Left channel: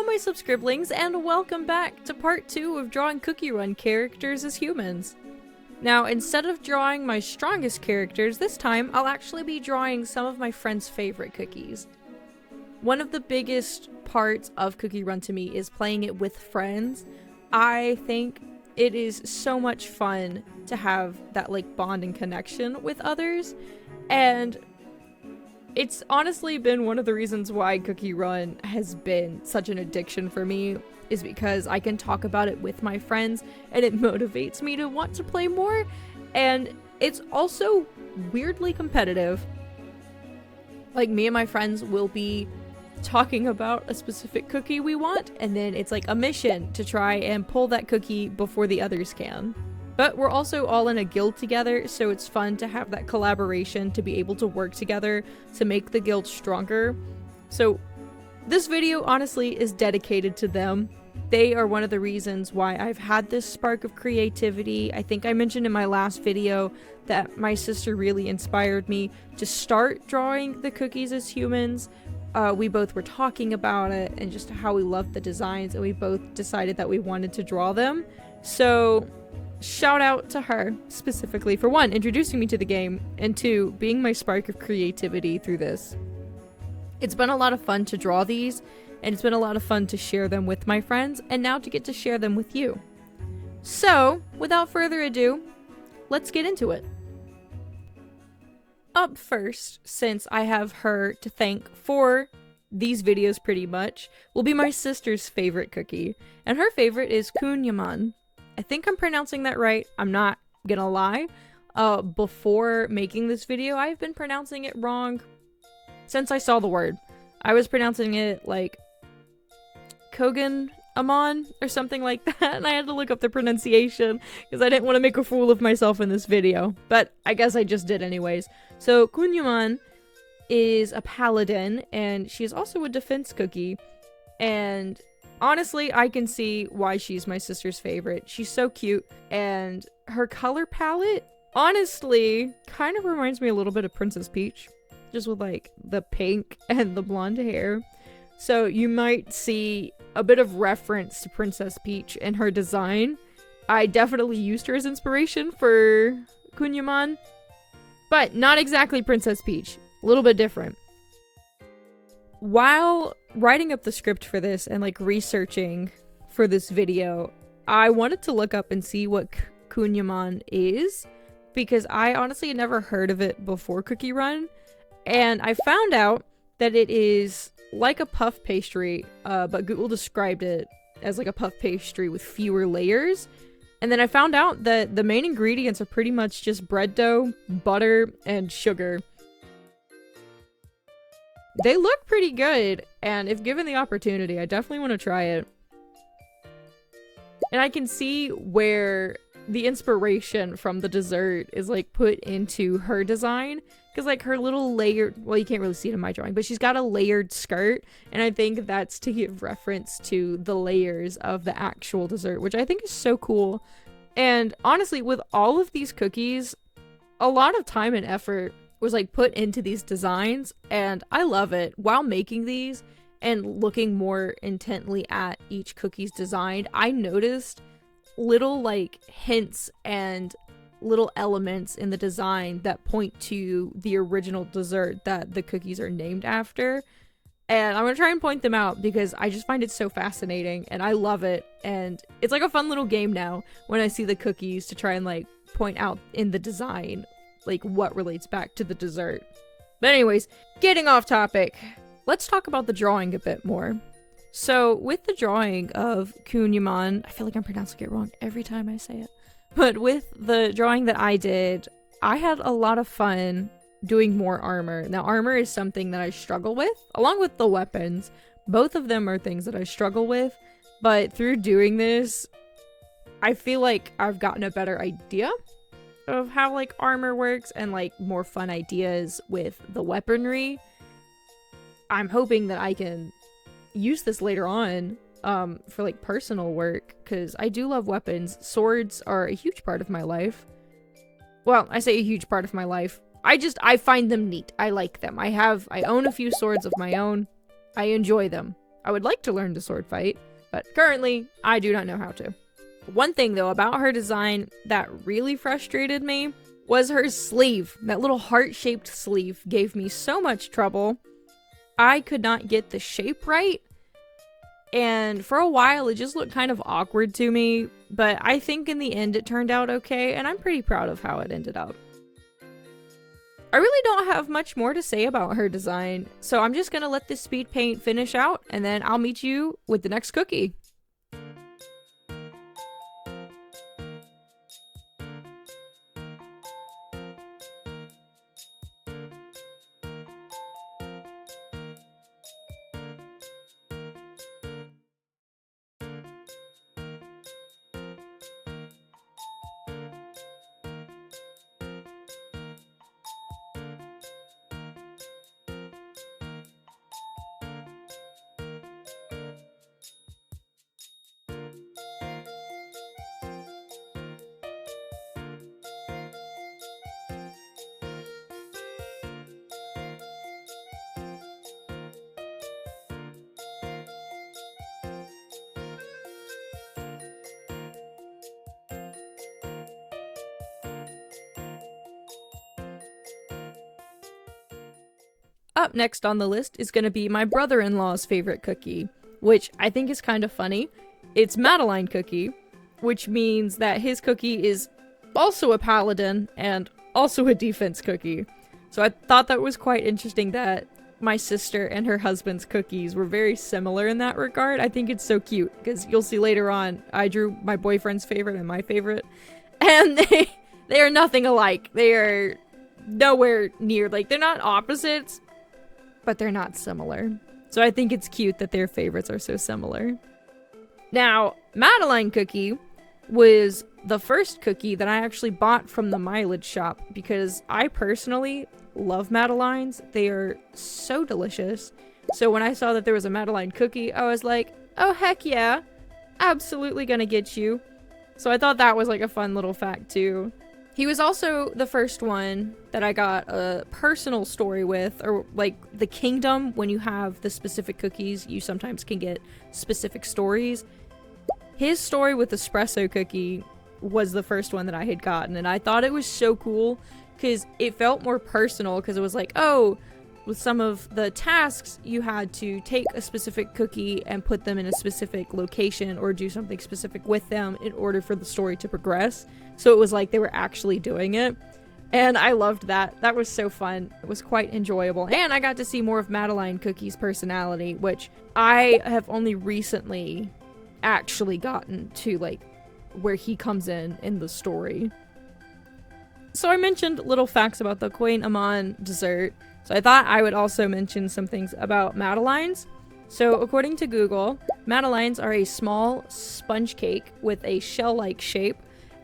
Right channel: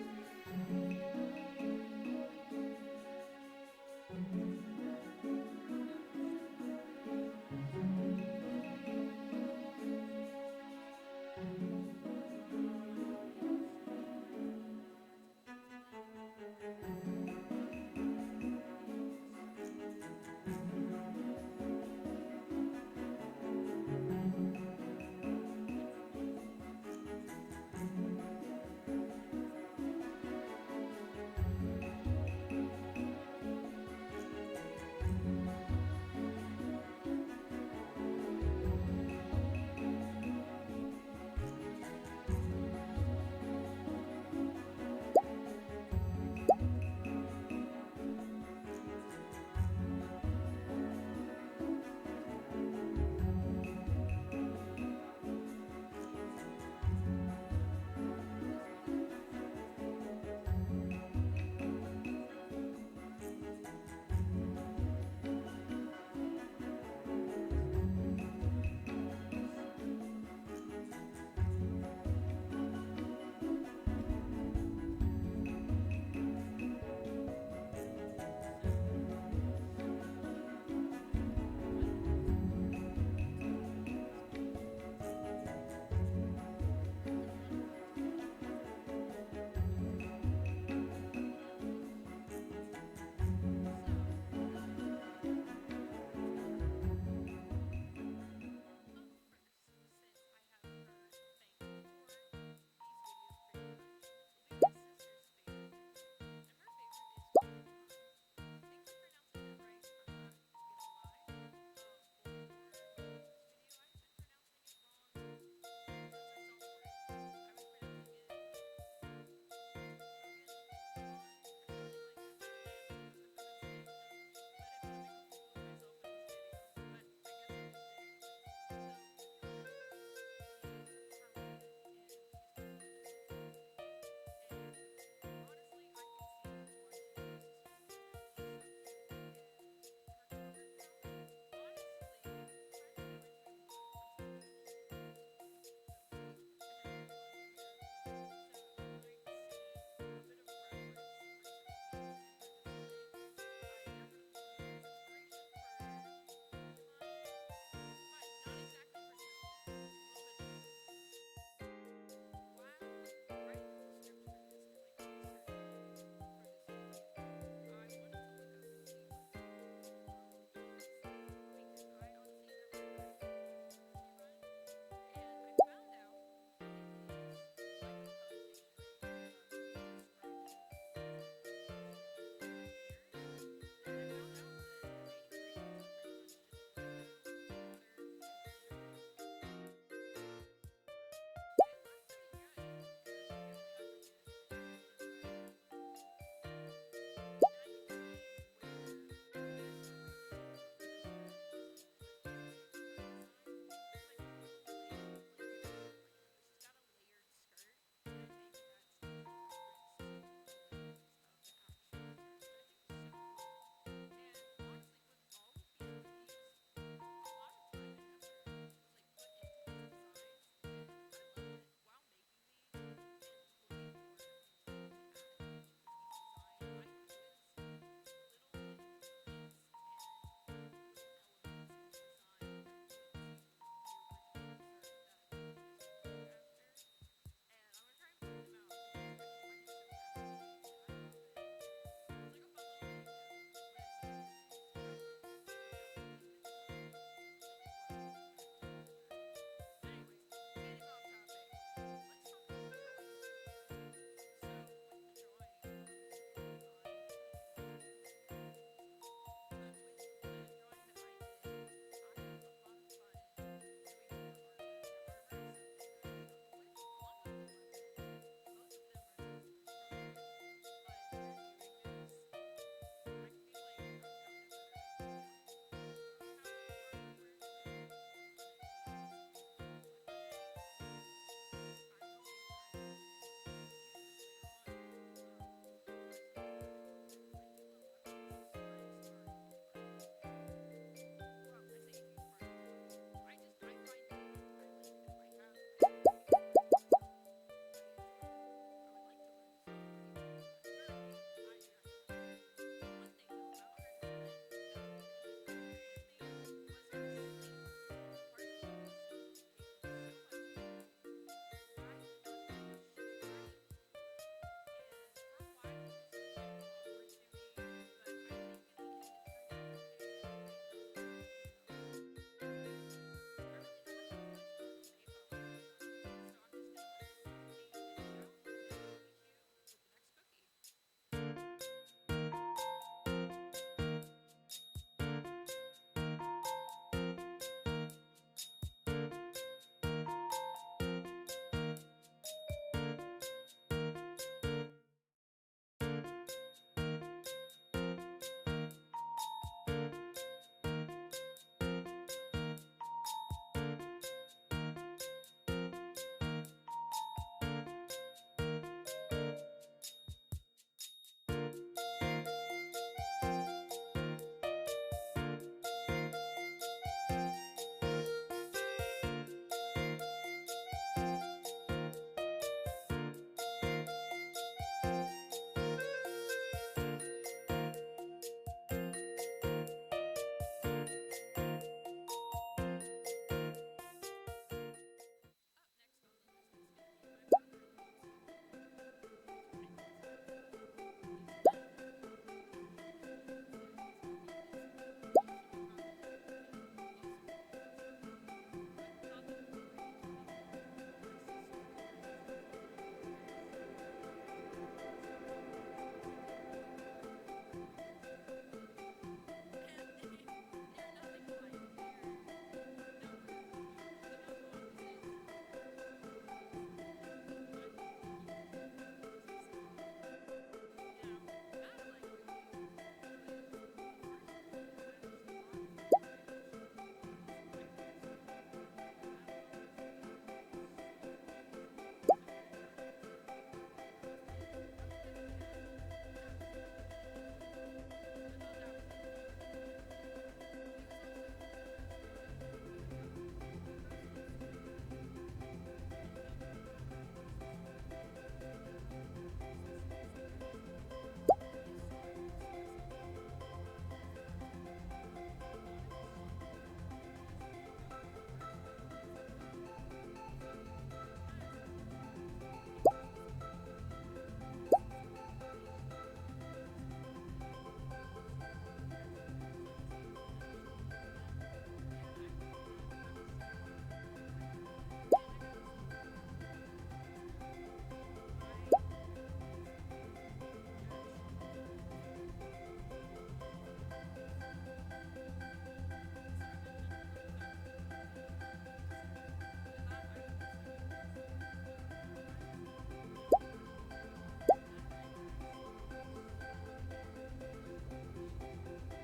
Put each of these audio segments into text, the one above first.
Hello my subscriblings, and welcome back to part 2 of drawing Cookie Run characters as humans. Now, instead of drawing my strongest characters, this time I'll actually be drawing some of my friends' favorite cookies. One of the biggest parts of Cookie Run to me is playing it with friends. I think it is so much fun to have that bond and connection with others, and it's honestly been one of the reasons why Cookie Run has been such an addiction for me, is because I can talk about it with my friends and it motivates me to want to play more, and it's also weirdly competitive. Like, me and my friends will be talking about a specific cookie we want, and then it's like a mission to try and pull that cookie before the others can. But we're also all in a guild together, so it's fun to have that collaboration, to be able to work together to make the guild stronger. So this video honestly is dedicated to them. They are one of the reasons why I've had this spark of creativity. I think I mentioned in my last video that my sister really inspired me to start drawing the cookies as humans. We both were talking about it and just how we loved the designs, and we both decided that we wanted to draw them. So shout out to her specifically for 1, introducing me to the game, and 2, being my spark of creativity through this. It's been a lot of fun to draw these, and it's been a lot of fun to share them with my friends, and now to get to share them with you. So, without further ado, let's get into it. Up first, since I have her to thank for these videos pretty much, will be my sister's favorite cookie, and her favorite is Kunyan. I think I'm pronouncing that right. I'm not gonna lie. Before making this video, I've been pronouncing it wrong since I saw the word. I was pronouncing it like Kogan Amon or something like that, and I had to look up the pronunciation because I didn't want to make a fool of myself in this video, but I guess I just did anyways. So Kunyan is a paladin, and she's also a defense cookie, and honestly, I can see why she's my sister's favorite. She's so cute, and her color palette honestly kind of reminds me a little bit of Princess Peach, just with the pink and the blonde hair. So you might see a bit of reference to Princess Peach in her design. I definitely used her as inspiration for Kunyan, but not exactly Princess Peach. A little bit different. While writing up the script for this and researching for this video, I wanted to look up and see what Kunyan is, because I honestly had never heard of it before Cookie Run, and I found out that it is like a puff pastry, but Google described it as like a puff pastry with fewer layers. And then I found out that the main ingredients are pretty much just bread dough, butter, and sugar. They look pretty good, and if given the opportunity, I definitely want to try it. And I can see where the inspiration from the dessert is put into her design, because her little layered, well, you can't really see it in my drawing, but she's got a layered skirt, and I think that's to give reference to the layers of the actual dessert, which I think is so cool. And honestly, with all of these cookies, a lot of time and effort was put into these designs, and I love it. While making these and looking more intently at each cookie's design, I noticed little hints and little elements in the design that point to the original dessert that the cookies are named after, and I'm gonna try and point them out because I just find it so fascinating and I love it. And it's a fun little game now when I see the cookies to try and point out in the design what relates back to the dessert. But anyways, getting off topic, let's talk about the drawing a bit more. So with the drawing of Kunyan, I feel like I'm pronouncing it wrong every time I say it, but with the drawing that I did, I had a lot of fun doing more armor. Now, armor is something that I struggle with, along with the weapons. Both of them are things that I struggle with, but through doing this, I feel like I've gotten a better idea of how armor works, and more fun ideas with the weaponry. I'm hoping that I can use this later on for personal work, because I do love weapons. Swords are a huge part of my life. Well, I say a huge part of my life. I find them neat. I like them. I own a few swords of my own. I enjoy them. I would like to learn to sword fight, but currently I do not know how to. One thing though about her design that really frustrated me was her sleeve. That little heart-shaped sleeve gave me so much trouble. I could not get the shape right, and for a while it just looked kind of awkward to me, but I think in the end it turned out okay, and I'm pretty proud of how it ended up. I really don't have much more to say about her design, so I'm just gonna let this speed paint finish out, and then I'll meet you with the next cookie. Up next on the list is going to be my brother-in-law's favorite cookie, which I think is kind of funny. It's Mateline Cookie, which means that his cookie is also a paladin and also a defense cookie. So I thought that was quite interesting that my sister and her husband's cookies were very similar in that regard. I think it's so cute because you'll see later on I drew my boyfriend's favorite and my favorite, and they are nothing alike. They are nowhere near, like, they're not opposites, but they're not similar. So I think it's cute that their favorites are so similar. Now, Mateline Cookie was the first cookie that I actually bought from the mileage shop because I personally love Matelines. They are so delicious. So when I saw that there was a Mateline Cookie, I was like, oh heck yeah, absolutely gonna get you. So I thought that was like a fun little fact too. He was also the first one that I got a personal story with, or like the kingdom, when you have the specific cookies, you sometimes can get specific stories. His story with Espresso Cookie was the first one that I had gotten, and I thought it was so cool because it felt more personal, because it was like, oh, with some of the tasks, you had to take a specific cookie and put them in a specific location or do something specific with them in order for the story to progress. So it was like they were actually doing it. And I loved that. That was so fun. It was quite enjoyable. And I got to see more of Mateline Cookie's personality, which I have only recently actually gotten to, like, where he comes in the story. So I mentioned little facts about the Queen Amon dessert. So I thought I would also mention some things about Matelines. So according to Google, Matelines are a small sponge cake with a shell-like shape,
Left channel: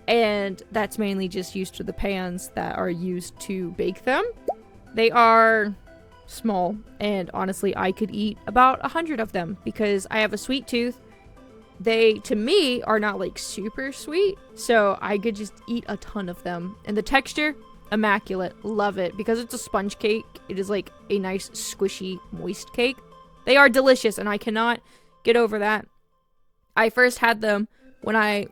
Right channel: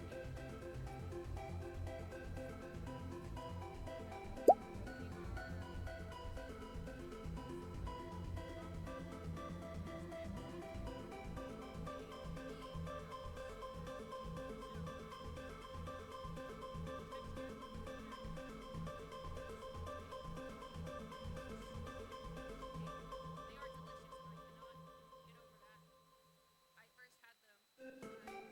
and that's mainly just used for the pans that are used to bake them. They are small, and honestly I could eat about 100 of them because I have a sweet tooth. They, to me, are not like super sweet, so I could just eat a ton of them. And the texture, immaculate. Love it. Because it's a sponge cake, it is like a nice squishy moist cake. They are delicious, and I cannot get over that. I first had them when I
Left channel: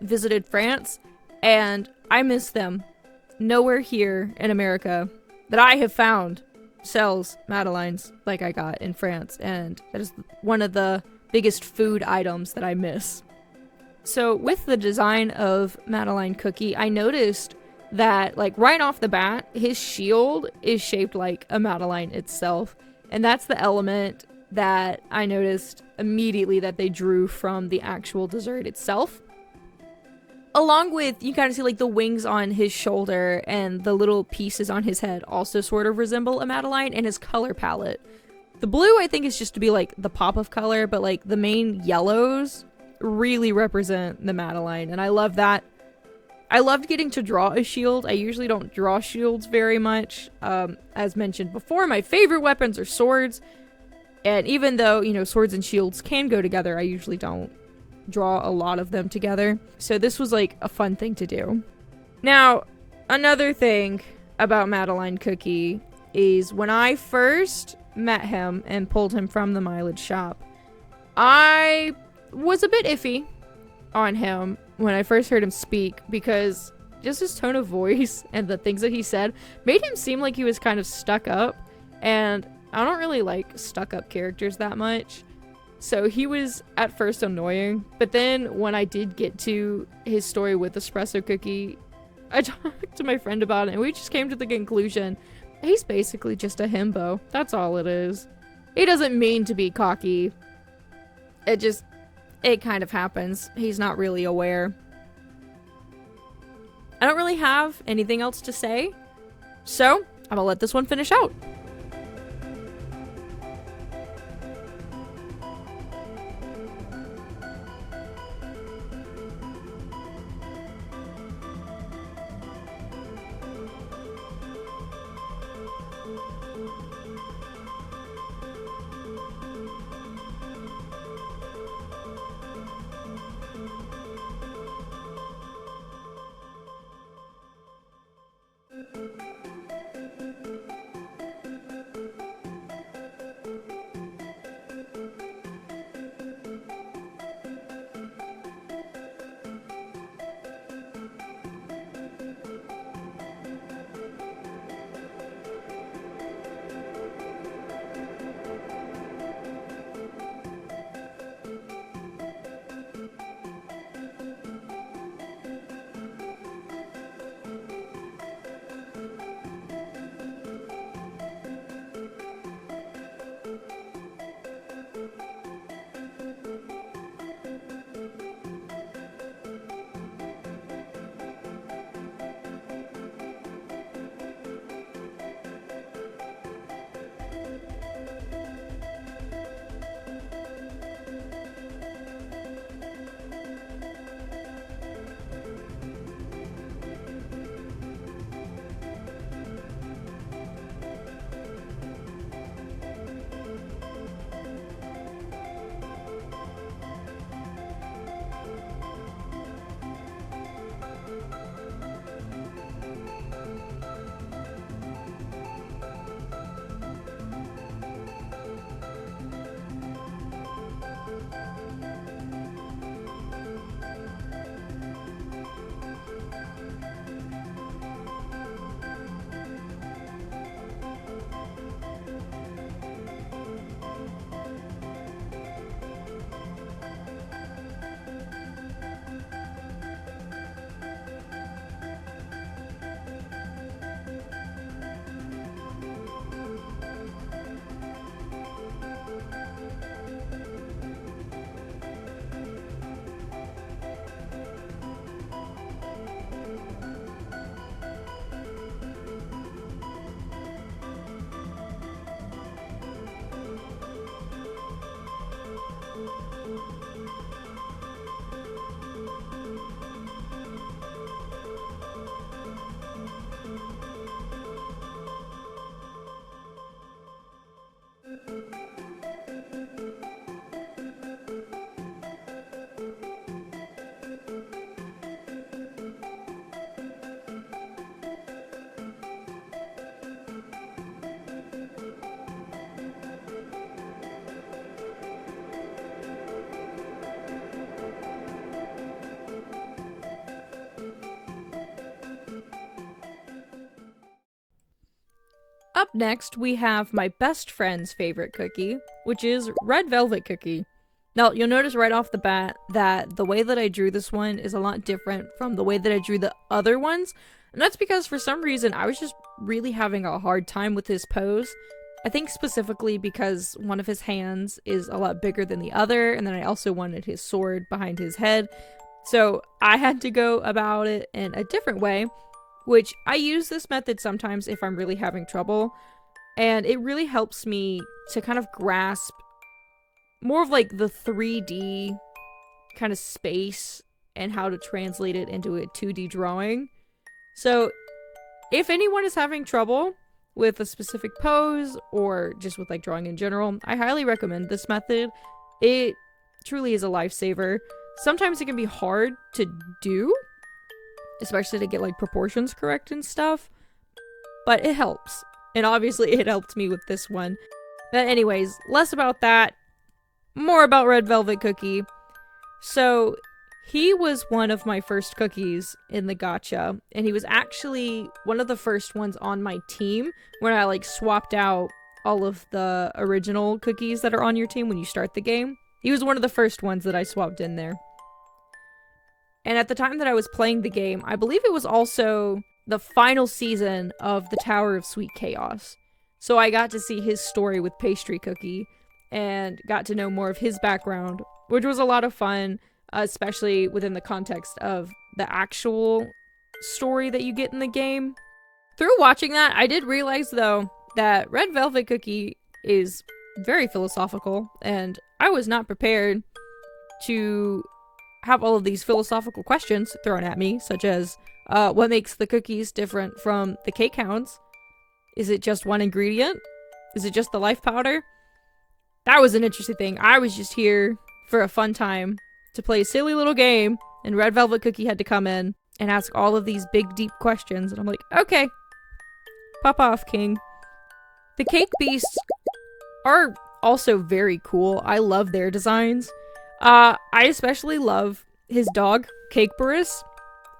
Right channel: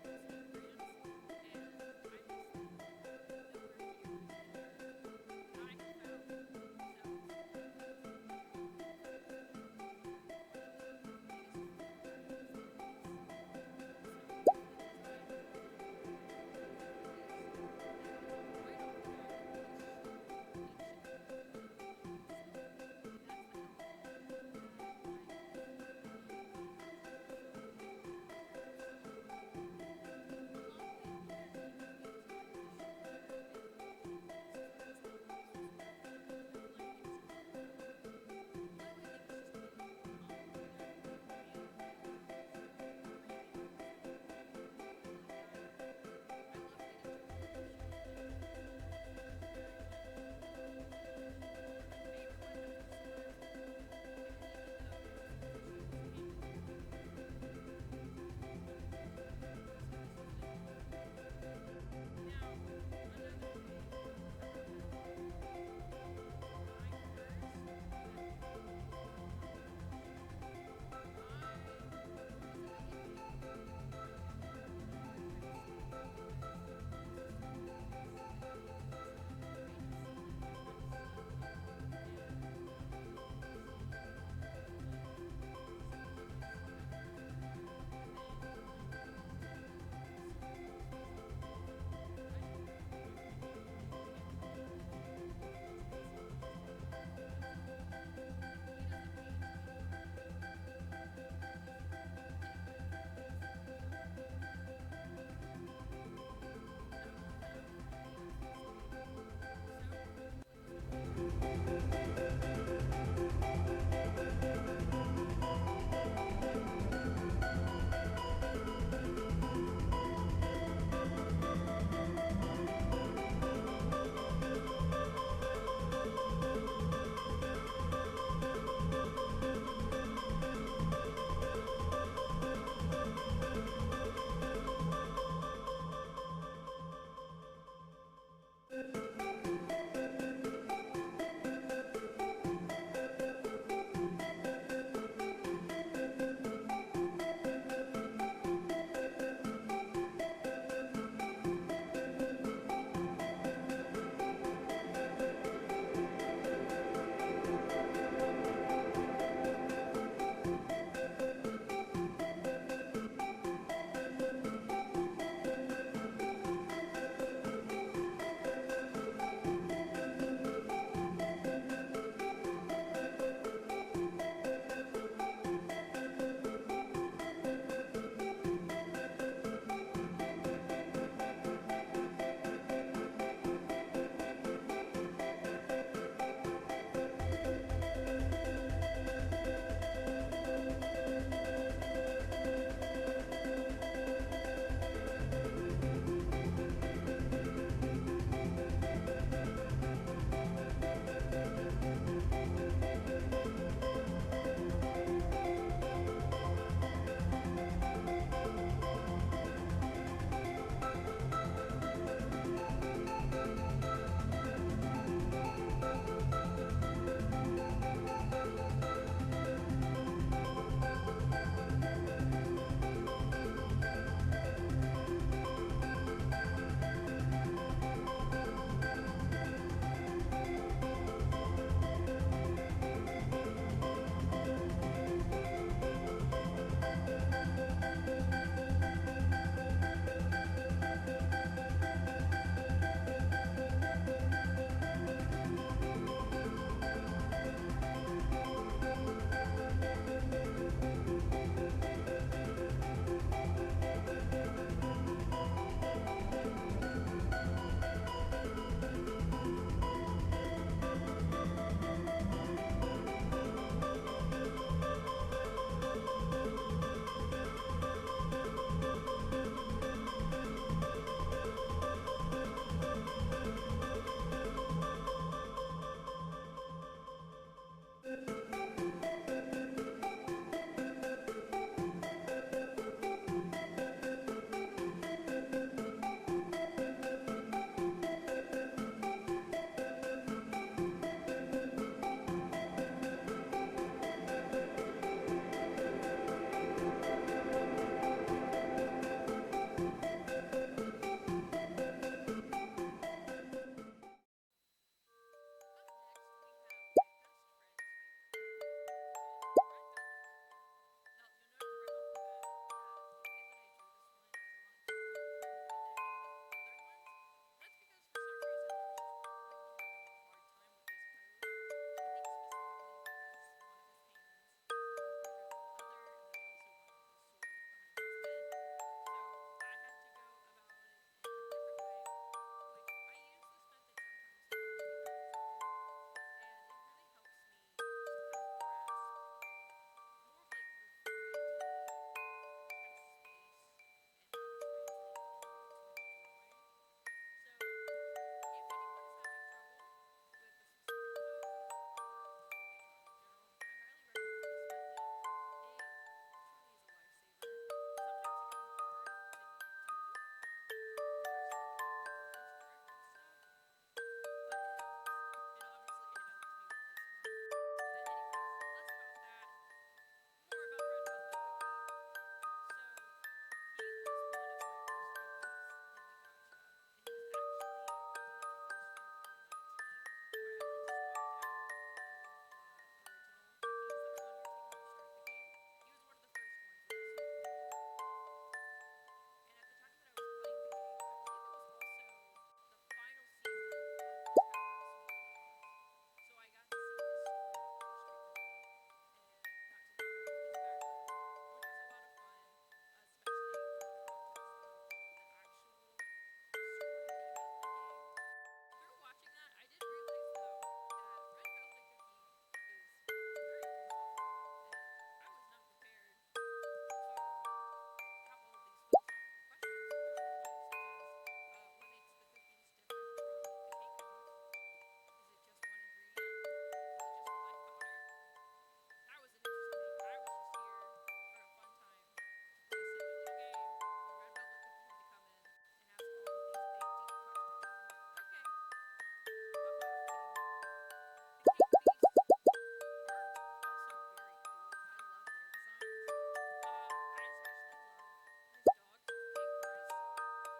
visited France, and I miss them. Nowhere here in America that I have found sells Matelines like I got in France, and that is one of the biggest food items that I miss. So with the design of Mateline Cookie, I noticed that, like, right off the bat, his shield is shaped like a Mateline itself, and that's the element that I noticed immediately that they drew from the actual dessert itself. Along with, you kind of see like the wings on his shoulder and the little pieces on his head also sort of resemble a Mateline, and his color palette. The blue, I think, is just to be like the pop of color, but like the main yellows really represent the Mateline, and I love that. I loved getting to draw a shield. I usually don't draw shields very much. As mentioned before, my favorite weapons are swords, and even though, you know, swords and shields can go together, I usually don't draw a lot of them together. So this was like a fun thing to do. Now, another thing about Mateline Cookie is when I first met him and pulled him from the mileage shop, I was a bit iffy on him when I first heard him speak because just his tone of voice and the things that he said made him seem like he was kind of stuck up, and I don't really like stuck up characters that much. So he was at first annoying, but then when I did get to his story with Espresso Cookie, I talked to my friend about it and we just came to the conclusion he's basically just a himbo. That's all it is. He doesn't mean to be cocky. It kind of happens. He's not really aware. I don't really have anything else to say, so I'm gonna let this one finish out. Up next, we have my best friend's favorite cookie, which is Red Velvet Cookie. Now, you'll notice right off the bat that the way that I drew this one is a lot different from the way that I drew the other ones, and that's because for some reason I was just really having a hard time with his pose. I think specifically because one of his hands is a lot bigger than the other, and then I also wanted his sword behind his head, so I had to go about it in a different way, which I use this method sometimes if I'm really having trouble, and it really helps me to kind of grasp more of like the 3D kind of space and how to translate it into a 2D drawing. So if anyone is having trouble with a specific pose or just with like drawing in general, I highly recommend this method. It truly is a lifesaver. Sometimes it can be hard to do, especially to get like proportions correct and stuff, but it helps, and obviously it helped me with this one. But anyways, less about that, more about Red Velvet Cookie. So, he was one of my first cookies in the gacha, and he was actually one of the first ones on my team when I like swapped out all of the original cookies that are on your team when you start the game. He was one of the first ones that I swapped in there. And at the time that I was playing the game, I believe it was also the final season of the Tower of Sweet Chaos. So I got to see his story with Pastry Cookie and got to know more of his background, which was a lot of fun, especially within the context of the actual story that you get in the game. Through watching that, I did realize, though, that Red Velvet Cookie is very philosophical, and I was not prepared to have all of these philosophical questions thrown at me, such as, what makes the cookies different from the cake hounds? Is it just one ingredient? Is it just the life powder? That was an interesting thing. I was just here for a fun time to play a silly little game, and Red Velvet Cookie had to come in and ask all of these big, deep questions, and I'm like, okay, pop off, King. The cake beasts are also very cool. I love their designs. I especially love his dog, Cakeberus.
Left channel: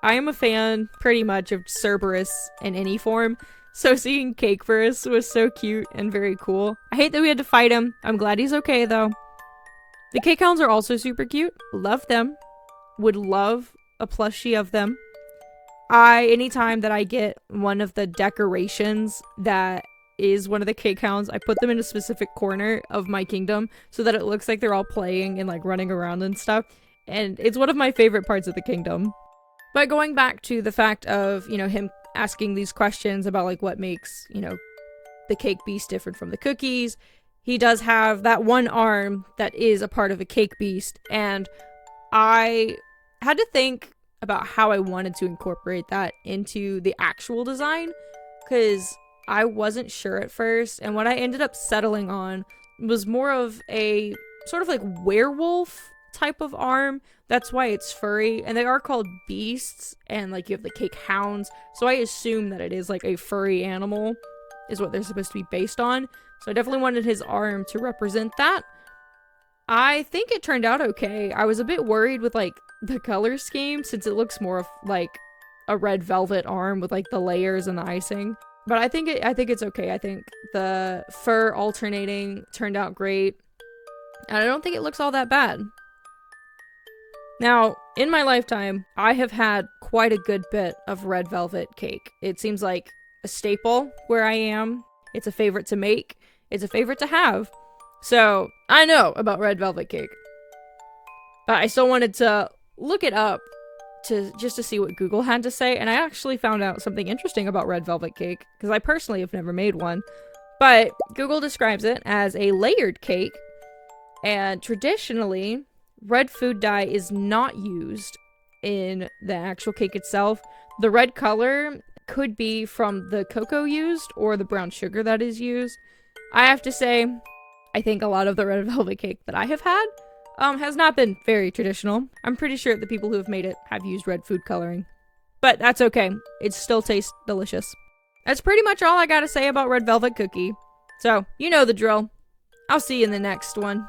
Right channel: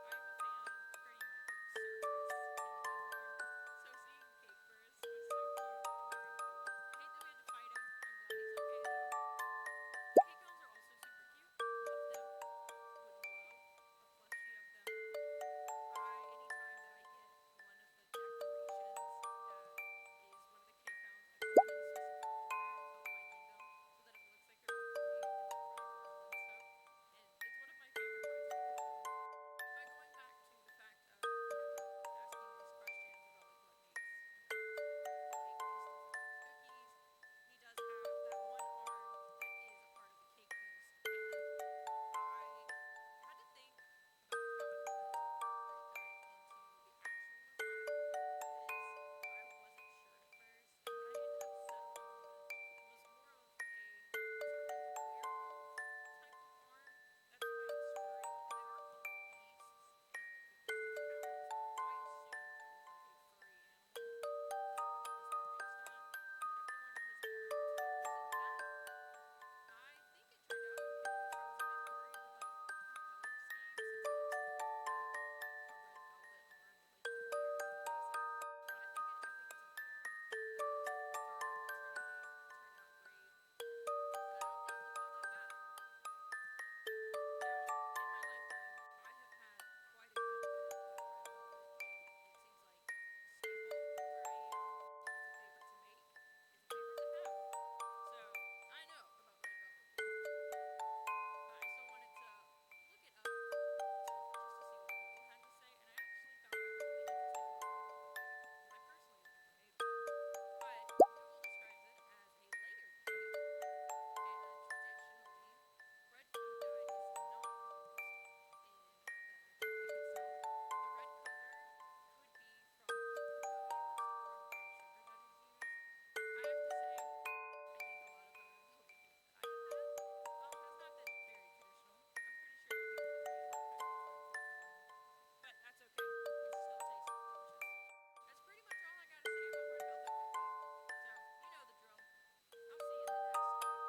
I am a fan, pretty much, of Cerberus in any form, so seeing Cakeberus was so cute and very cool. I hate that we had to fight him. I'm glad he's okay, though. The cake hounds are also super cute. Love them. Would love a plushie of them. Anytime that I get one of the decorations that is one of the cake hounds, I put them in a specific corner of my kingdom so that it looks like they're all playing and like running around and stuff. And it's one of my favorite parts of the kingdom. But going back to the fact of, him asking these questions about like what makes, the cake beast different from the cookies. He does have that one arm that is a part of a cake beast, and I had to think about how I wanted to incorporate that into the actual design, because I wasn't sure at first, and what I ended up settling on was more of a sort of like werewolf type of arm. That's why it's furry, and they are called beasts, and like you have the cake hounds, so I assume that it is like a furry animal is what they're supposed to be based on. So I definitely wanted his arm to represent that. I think it turned out okay. I was a bit worried with like the color scheme, since it looks more of like a red velvet arm with like the layers and the icing. But I think it's okay. I think the fur alternating turned out great, and I don't think it looks all that bad. Now, in my lifetime, I have had quite a good bit of red velvet cake. It seems like a staple where I am. It's a favorite to make. It's a favorite to have. So, I know about red velvet cake. But I still wanted to look it up just to see what Google had to say, and I actually found out something interesting about red velvet cake, because I personally have never made one. But Google describes it as a layered cake, and traditionally, red food dye is not used in the actual cake itself. The red color could be from the cocoa used or the brown sugar that is used. I have to say, I think a lot of the red velvet cake that I have had has not been very traditional. I'm pretty sure the people who have made it have used red food coloring. But that's okay. It still tastes delicious. That's pretty much all I gotta say about Red Velvet Cookie. So, you know the drill. I'll see you in the next one.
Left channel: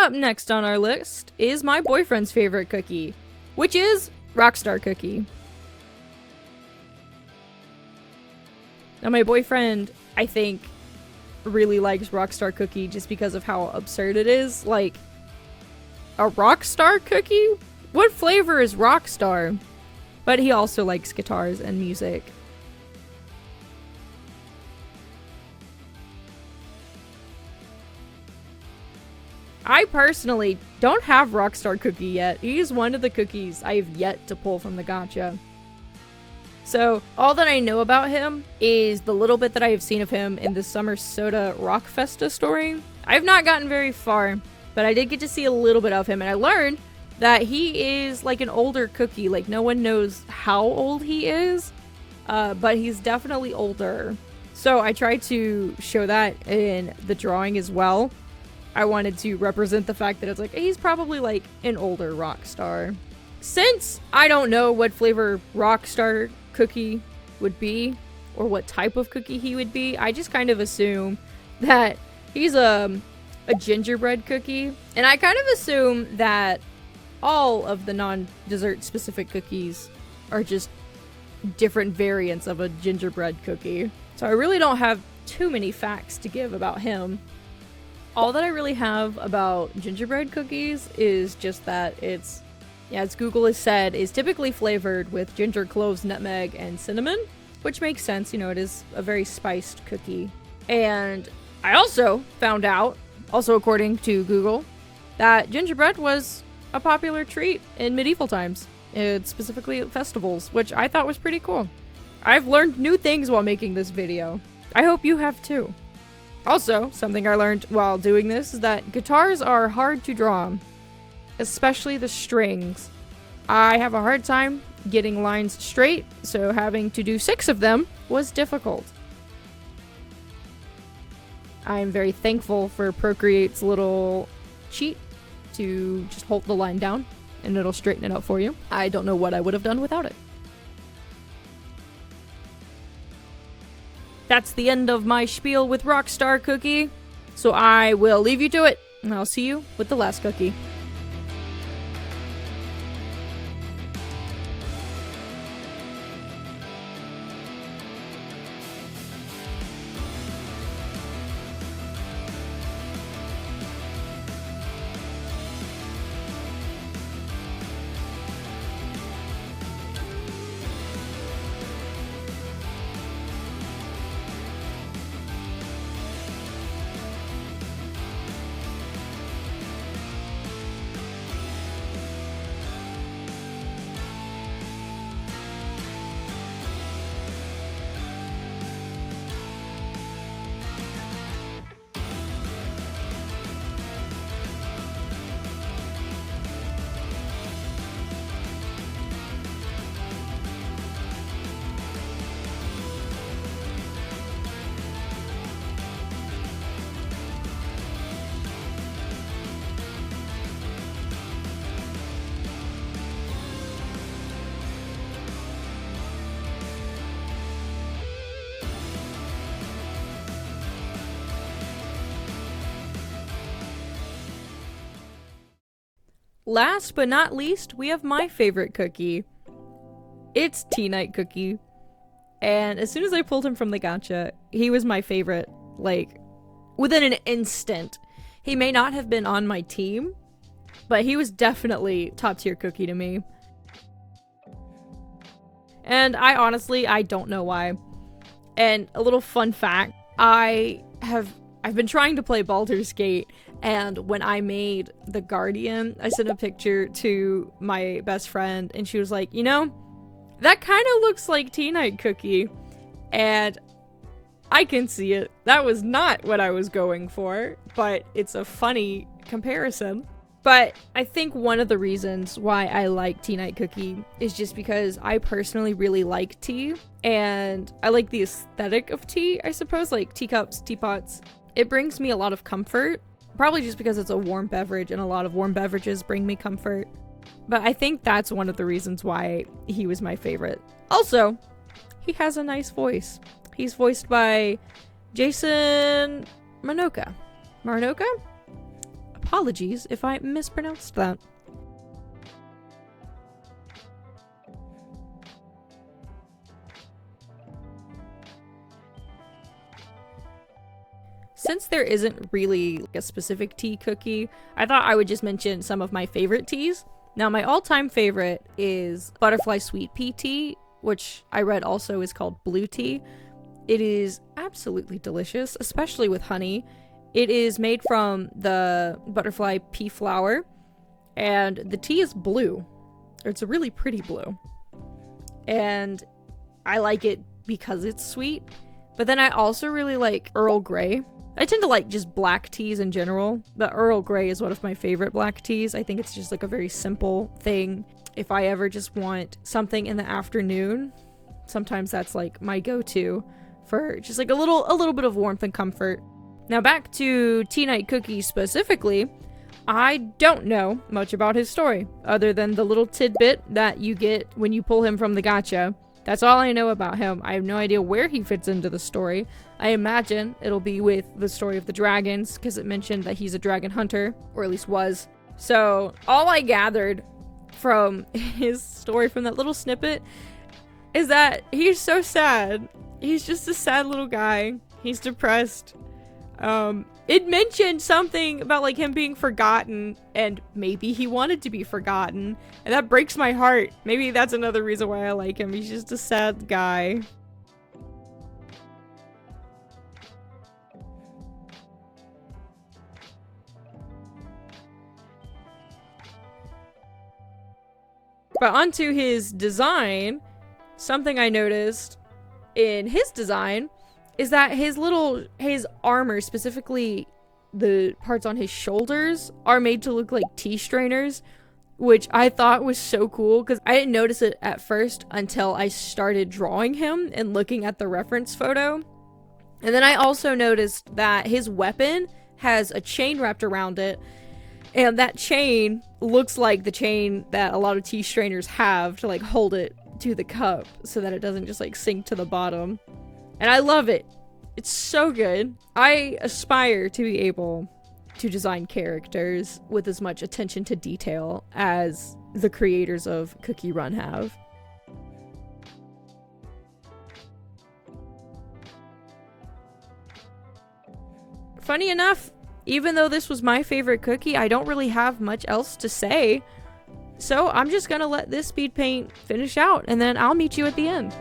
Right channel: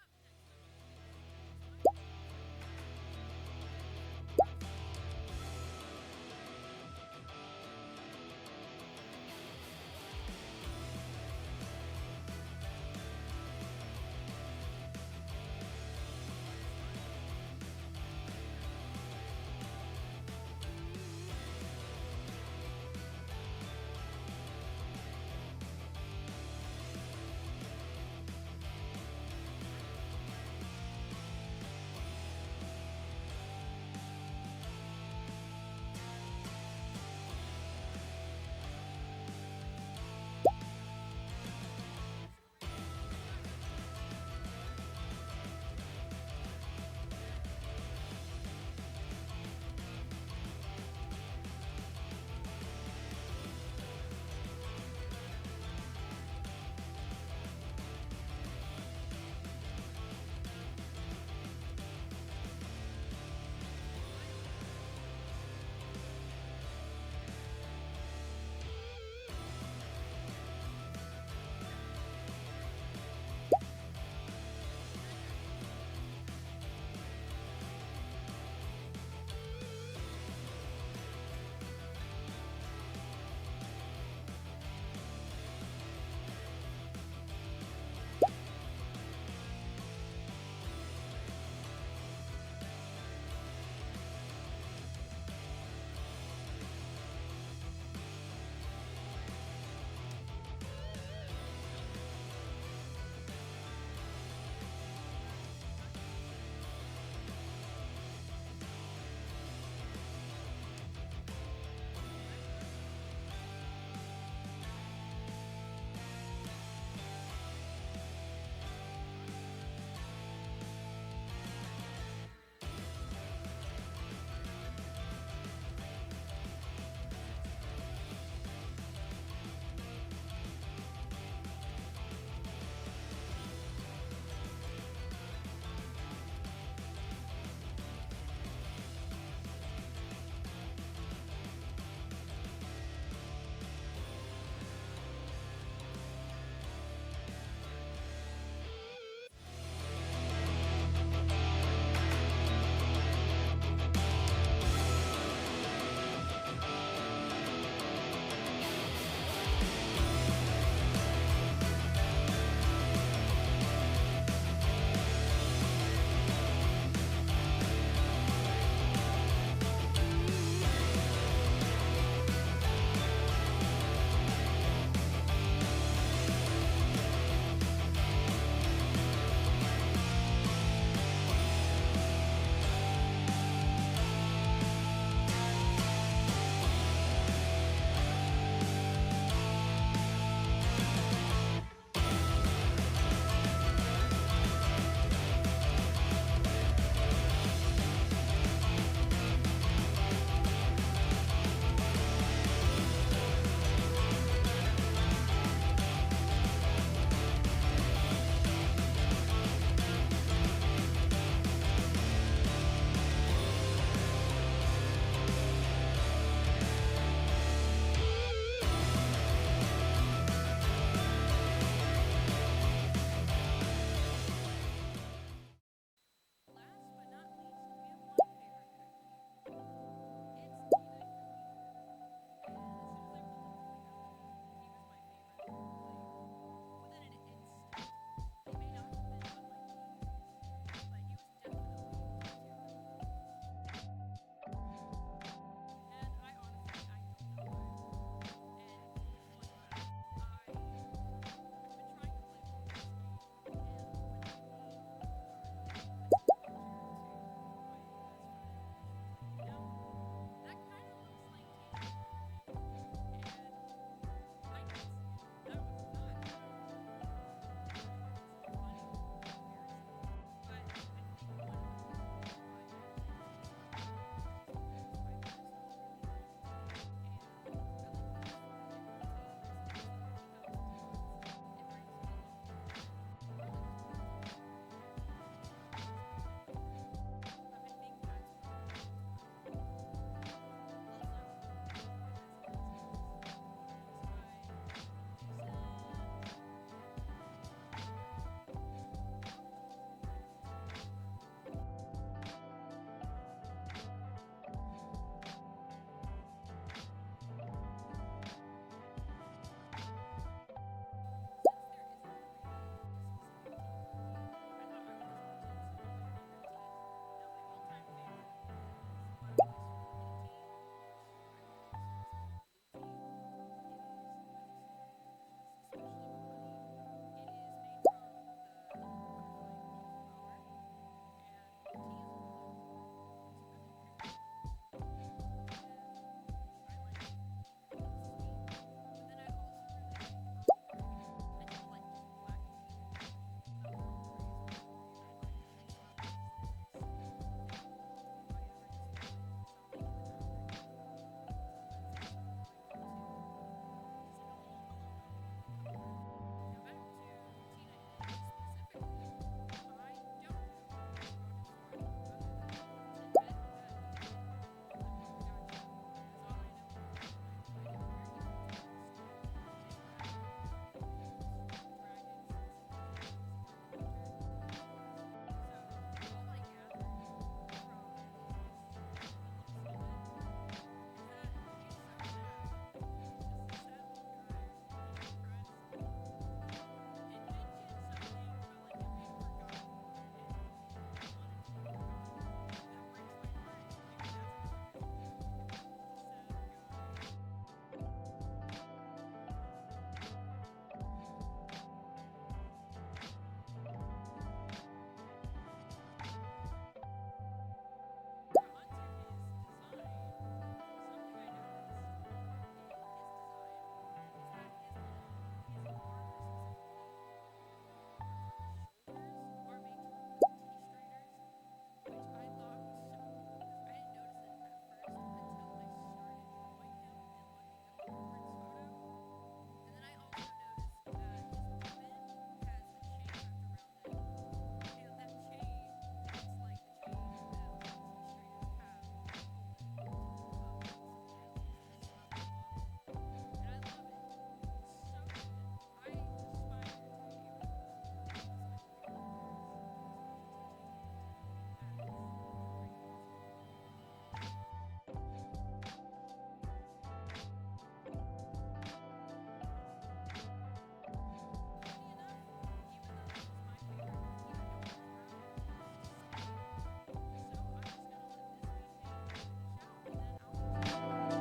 Up next on our list is my boyfriend's favorite cookie, which is Rockstar Cookie. Now my boyfriend, I think, really likes Rockstar Cookie just because of how absurd it is. Like, a Rockstar Cookie? What flavor is Rockstar? But he also likes guitars and music. I personally don't have Rockstar Cookie yet. He's one of the cookies I've yet to pull from the gacha. So, all that I know about him is the little bit that I have seen of him in the Summer Soda Rock Festa story. I've not gotten very far, but I did get to see a little bit of him, and I learned that he is like an older cookie. Like, no one knows how old he is, but he's definitely older. So I tried to show that in the drawing as well. I wanted to represent the fact that it's like, he's probably like an older rock star. Since I don't know what flavor Rockstar Cookie would be, or what type of cookie he would be, I just kind of assume that he's a gingerbread cookie. And I kind of assume that all of the non-dessert specific cookies are just different variants of a gingerbread cookie. So I really don't have too many facts to give about him. All that I really have about gingerbread cookies is just that it's, yeah, as Google has said, is typically flavored with ginger, cloves, nutmeg, and cinnamon, which makes sense. You know, it is a very spiced cookie. And I also found out, also according to Google, that gingerbread was a popular treat in medieval times, specifically at festivals, which I thought was pretty cool. I've learned new things while making this video. I hope you have too. Also, something I learned while doing this is that guitars are hard to draw, especially the strings. I have a hard time getting lines straight, so having to do 6 of them was difficult. I'm very thankful for Procreate's little cheat to just hold the line down and it'll straighten it out for you. I don't know what I would have done without it. That's the end of my spiel with Rockstar Cookie, so I will leave you to it, and I'll see you with the last cookie. Last but not least, we have my favorite cookie. It's Teite Cookie. And as soon as I pulled him from the gacha, he was my favorite, like, within an instant. He may not have been on my team, but he was definitely top tier cookie to me. And I don't know why. And a little fun fact, I've been trying to play Baldur's Gate, and when I made the Guardian, I sent a picture to my best friend, and she was like, you know, that kind of looks like Teite Cookie. And I can see it. That was not what I was going for, but it's a funny comparison. But I think one of the reasons why I like Teite Cookie is just because I personally really like tea, and I like the aesthetic of tea, I suppose, like teacups, teapots. It brings me a lot of comfort, probably just because it's a warm beverage, and a lot of warm beverages bring me comfort. But I think that's one of the reasons why he was my favorite. Also, he has a nice voice. He's voiced by Jason Marnocha. apologies if I mispronounced that. Since there isn't really a specific tea cookie, I thought I would just mention some of my favorite teas. Now, my all-time favorite is butterfly sweet pea tea, which I read also is called blue tea. It is absolutely delicious, especially with honey. It is made from the butterfly pea flower, and the tea is blue. It's a really pretty blue. And I like it because it's sweet. But then I also really like Earl Grey. I tend to like just black teas in general, but Earl Grey is one of my favorite black teas. I think it's just like a very simple thing. If I ever just want something in the afternoon, sometimes that's like my go-to for just like a little bit of warmth and comfort. Now back to Teite Cookie specifically, I don't know much about his story, other than the little tidbit that you get when you pull him from the gacha. That's all I know about him. I have no idea where he fits into the story. I imagine it'll be with the story of the dragons, because it mentioned that he's a dragon hunter, or at least was. So all I gathered from his story, from that little snippet, is that he's so sad. He's just a sad little guy. He's depressed. It mentioned something about like him being forgotten, and maybe he wanted to be forgotten, and that breaks my heart. Maybe that's another reason why I like him. He's just a sad guy. But onto his design, something I noticed in his design is that his armor, specifically the parts on his shoulders, are made to look like tea strainers, which I thought was so cool because I didn't notice it at first until I started drawing him and looking at the reference photo. And then I also noticed that his weapon has a chain wrapped around it, and that chain looks like the chain that a lot of tea strainers have to like hold it to the cup so that it doesn't just like sink to the bottom. And I love it. It's so good. I aspire to be able to design characters with as much attention to detail as the creators of Cookie Run have. Funny enough, even though this was my favorite cookie, I don't really have much else to say. So I'm just gonna let this speed paint finish out, and then I'll meet you at the end.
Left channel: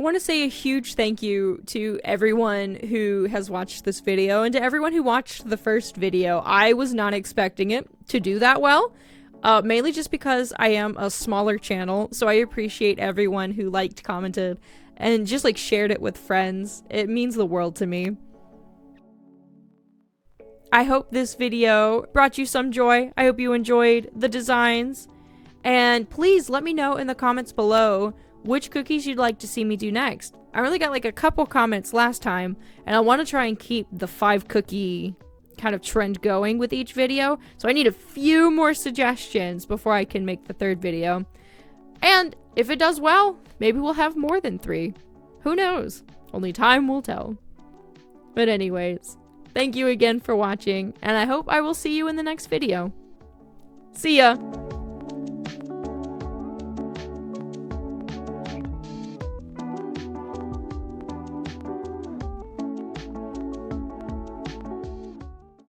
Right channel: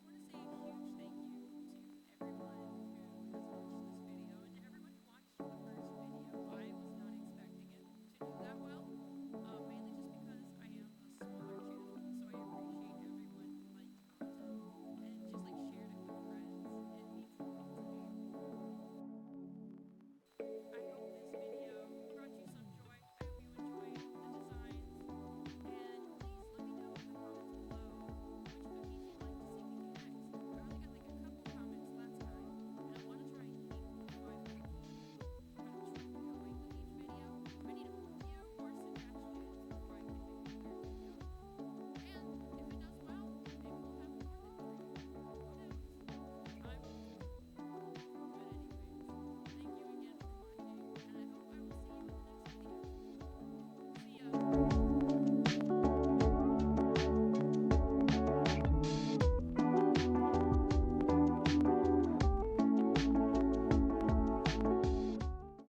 I want to say a huge thank you to everyone who has watched this video and to everyone who watched the first video. I was not expecting it to do that well, mainly just because I am a smaller channel, so I appreciate everyone who liked, commented, and just like shared it with friends. It means the world to me. I hope this video brought you some joy. I hope you enjoyed the designs, and please let me know in the comments below which cookies you'd like to see me do next. I only got like a couple comments last time, and I want to try and keep the 5 cookie kind of trend going with each video, so I need a few more suggestions before I can make the 3rd video. And if it does well, maybe we'll have more than 3. Who knows? Only time will tell. But anyways, thank you again for watching, and I hope I will see you in the next video. See ya!